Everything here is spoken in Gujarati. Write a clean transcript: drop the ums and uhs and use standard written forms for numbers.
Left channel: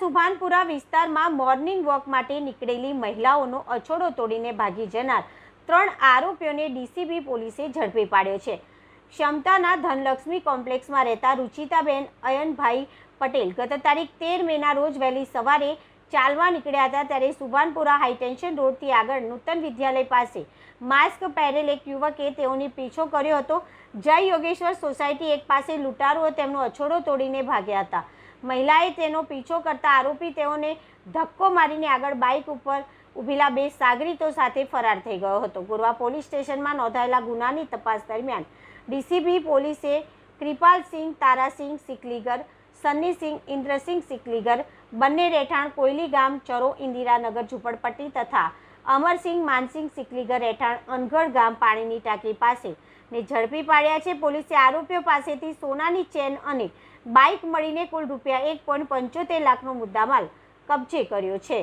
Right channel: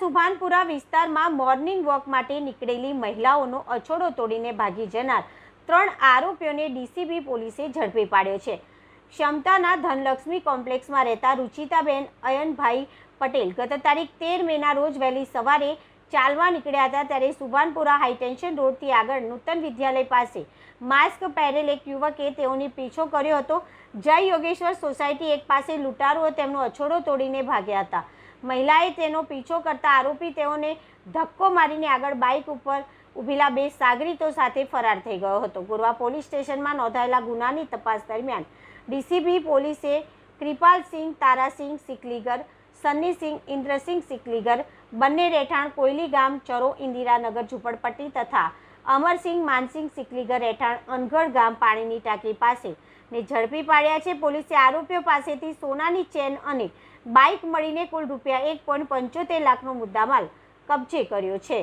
સુભાનપુરા વિસ્તારમાં મોર્નિંગ વોક માટે નીકળેલી મહિલાઓનો અછોડો તોડીને ભાગી જનાર 3 આરોપીઓને ડીસીબી પોલીસે ઝડપી પાડ્યો છે। ક્ષમતાના ધનલક્ષ્મી કોમ્પ્લેક્સમાં રહેતા રુચિતાબેન અયનભાઈ પટેલ ગત તારીખ 13 મેના રોજ વહેલી સવારે ચાલવા નીકળ્યા હતા, ત્યારે સુભાનપુરા હાઈટેન્શન રોડથી આગળ નૂતન વિદ્યાલય પાસે માસ્ક પહેરેલ એક યુવકે તેઓની પીછો કર્યો હતો। જય યોગેશ્વર સોસાયટી એક પાસે લૂંટારુઓ તેમનો અછોડો તોડીને ભાગ્યા હતા। મહિલાએ તેનો પીછો કરતા આરોપી તેઓને ધક્કો મારીને આગળ બાઇક ઉપર ઉભેલા 2 સાગરીતો સાથે ફરાર થઈ ગયો હતો। ગોરવા પોલીસ સ્ટેશનમાં નોંધાયેલા ગુનાની તપાસ દરમિયાન ડીસીબી પોલીસે કૃપાલસિંહ તારાસિંહ સિકલીગર, સન્નીસિંહ ઇન્દ્રસિંહ સિકલીગર બંને રહેઠાણ કોયલી ગામ ચરો ઇન્દિરાનગર ઝુંપડપટ્ટી તથા અમરસિંહ માનસિંહ સિકલીગર રહેઠાણ અનગઢ ગામ પાણીની ટાંકી પાસે ને ઝડપી પાડ્યા છે। પોલીસે આરોપીઓ પાસેથી સોનાની ચેન અને બાઇક મળીને કુલ રૂપિયા 1.75 લાખનો મુદ્દામાલ કબજે કર્યો છે।